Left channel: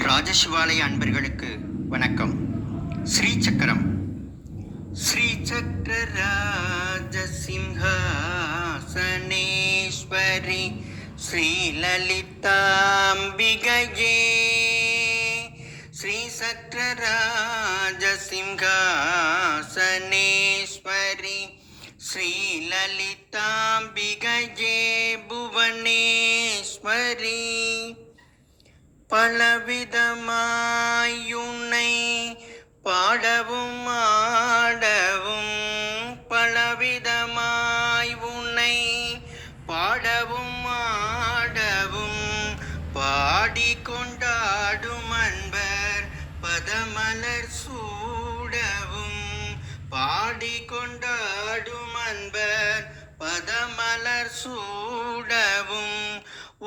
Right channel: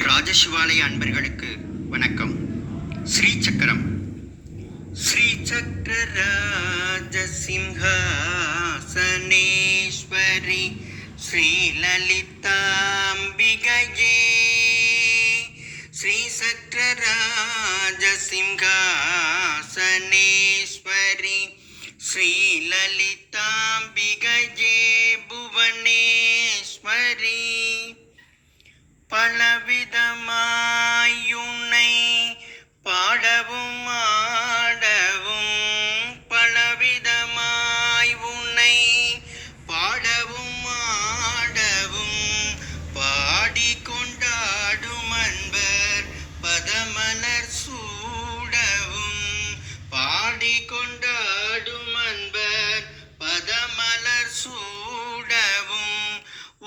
ராஜசிவாலய அன்பர்களுக்கு வணக்கம். ஸ்ரீ சக்கரம். ஸ்ரீ சக்கர ராஜசிம்ஹாசனேஸ்வரி ஸ்ரீ லலிதாம்பிகையே. ஸ்ரீ சக்கர ராஜசிம்ஹாசனேஸ்வரி ஸ்ரீ லலிதாம்பிகையே புவனேஸ்வரி. பலவிதமாயுனை பாடவும் ஆடவும், பலவிதமாய் உன்னை பாடவும் ஆடவும், பாடிக்கொண்டாடும் அன்பர் பதமலர் சூடவும், பாடிக்கொண்டாடும் அன்பர் பதமலர் சூடவும்,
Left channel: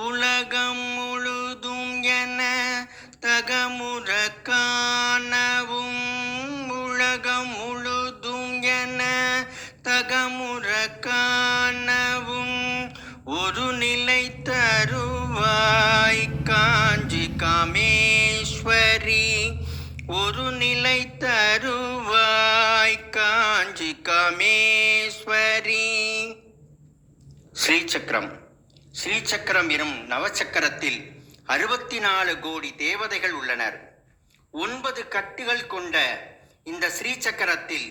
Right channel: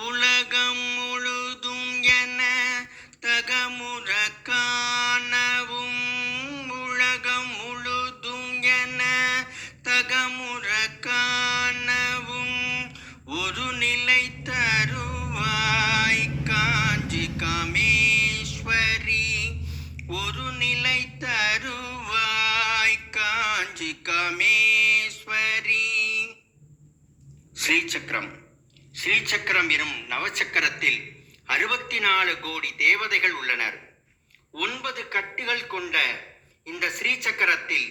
உலகம் முழுதும் என தகமுற காணவும், உலகம் முழுதும் என தகமுற காணவும், ஒரு நிலை தருவாய் காஞ்சி காமேஸ்வரி, ஒரு நிலை தருவாய் காஞ்சி காமேஸ்வரி. ஸ்ரீசக்கரம். ஸ்ரீசக்கரம் எனும் நவச்சக்கரத்தில் 64 கோடி தேவதைகள் உள்ளனர். 9 கட்டுகள் கொண்ட இந்த ஸ்ரீசக்கரத்தில்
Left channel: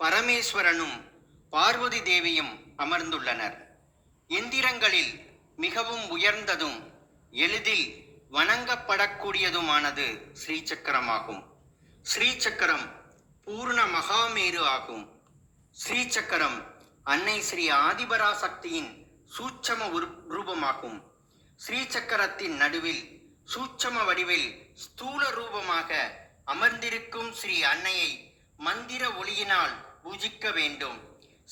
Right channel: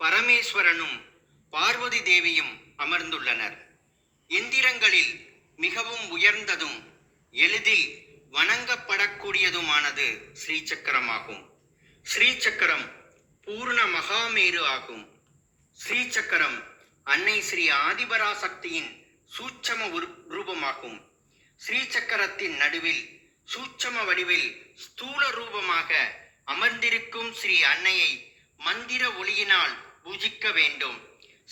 பரமேஸ்வரனும் பார்வதி தேவியும் அமர்ந்துள்ளனர். எந்திரங்களில் மிகவும் உயர்ந்ததும் எளிதில் வணங்கப்படக்கூடியதுமானது ஸ்ரீசக்கரமாகும். ஸ்ரீசக்கரம் பூர்ண மகாமேரு ஆகும். ஸ்ரீசக்கரம் அன்னை ஸ்ரீ ஆதிபராசக்தியின் சூட்சம ரூபமாகும். ஸ்ரீசக்கரத்தின் நடுவில் சூட்சம வடிவில் ஸ்தூல ரூபமாக அமர்ந்திருக்கும் ஸ்ரீ அன்னையை மந்திர ஒளியினால் பூஜிக்க வேண்டும்.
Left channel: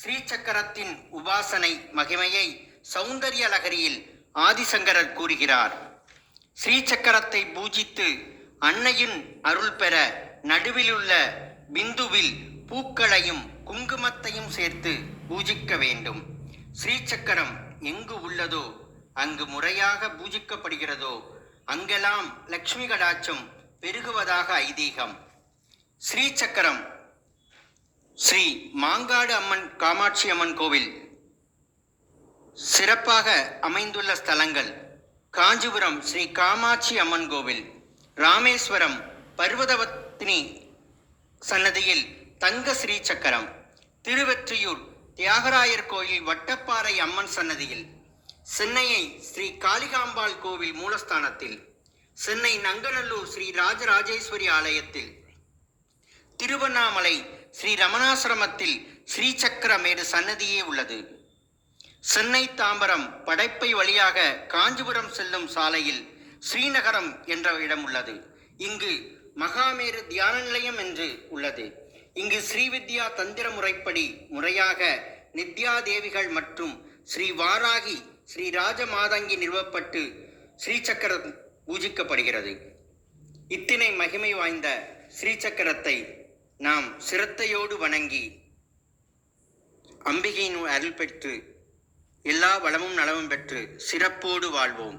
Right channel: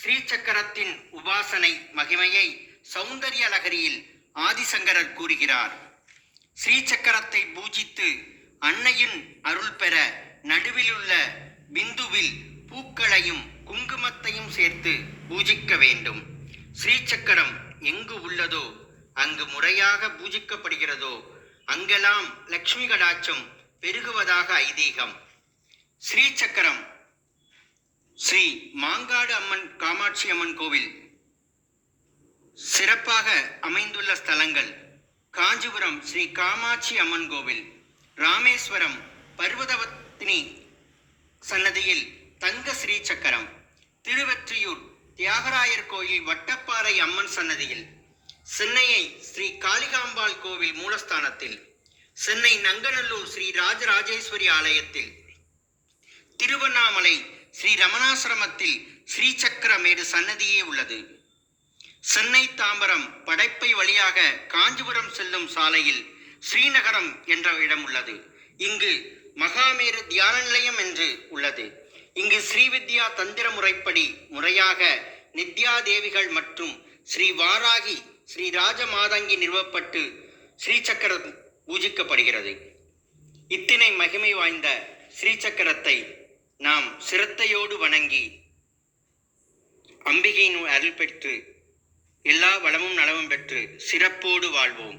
ஸ்ரீசக்கரத்தின் உபாசனை மகிமையை சௌந்தரிய லகரியில் ஆதிசங்கரர் கூறுகிறார். ஸ்ரீசக்கரத்தை பூஜித்து அன்னையின் அருள் பெற நடுவிலுள்ள பிந்துவில் பூக்களையும் குங்குமத்தையும் சேர்த்து பூஜிக்க வேண்டும். ஸ்ரீசக்கரம் எங்கு உள்ளதோ, அங்கு முறையாக பூஜிக்கப்படுகிறதோ, அங்கெல்லாம் லக்ஷ்மி கடாட்சம் பெருகுவதாக ஐதீகம். ஸ்ரீசக்கரம் ஸ்ரீ மாங்காடு அம்மன் காமாட்சி அம்மன் கோவில் சிறப்பாக அமைந்துள்ள ஸ்தலங்கள்: காஞ்சிபுரம் ஸ்ரீ காமாட்சி அம்மன் கோவில், ராமேஸ்வரம் பர்வதவத்தினி சன்னதியில் தங்க ஸ்ரீசக்கரம், திருவெற்றியூர் தியாகராயர் கோயில் வட்டப்பாறை அம்மன் சன்னதியில், சென்னையை ஸ்ரீ காளிகாம்பாள் கோவில் மூலஸ்தானத்தில், சென்னை நங்கநல்லூர் ஸ்ரீ ராஜராஜேஸ்வரி ஆலயத்தில், திருவண்ணாமலை ஸ்ரீ ரமணாசிரமத்தில் ஸ்ரீசக்கரமேடு சன்னதியே உள்ளது. சென்னை தாம்பரம் படைப்பை வழியாக காஞ்சிபுரம் செல்லும் சாலையில் ஸ்ரீநகரம் என்ற இடம் உள்ளது. இங்கு மகாமேரு தியான நிலையம் என்று உள்ளது. இங்கு ஸ்ரீவித்யா தந்திர முறைப்படி முறையாக நித்யா தேவிகள் மற்றும் ஸ்ரீ வாராகி ஸ்ரீ ராஜ மாதங்கி நிறுவப்பட்டு ஸ்ரீசக்கரம் பூஜிக்கப்படுகிறது. இத்தனை மகிமை வாய்ந்த ஸ்ரீசக்கரத்தை நாம் சிரத்தையோடு வணங்கி அம்பிகையின் அருள் பெற்று எல்லா வளமும் நலமும் பெற்று சிறப்போடு வாழ்வோம்.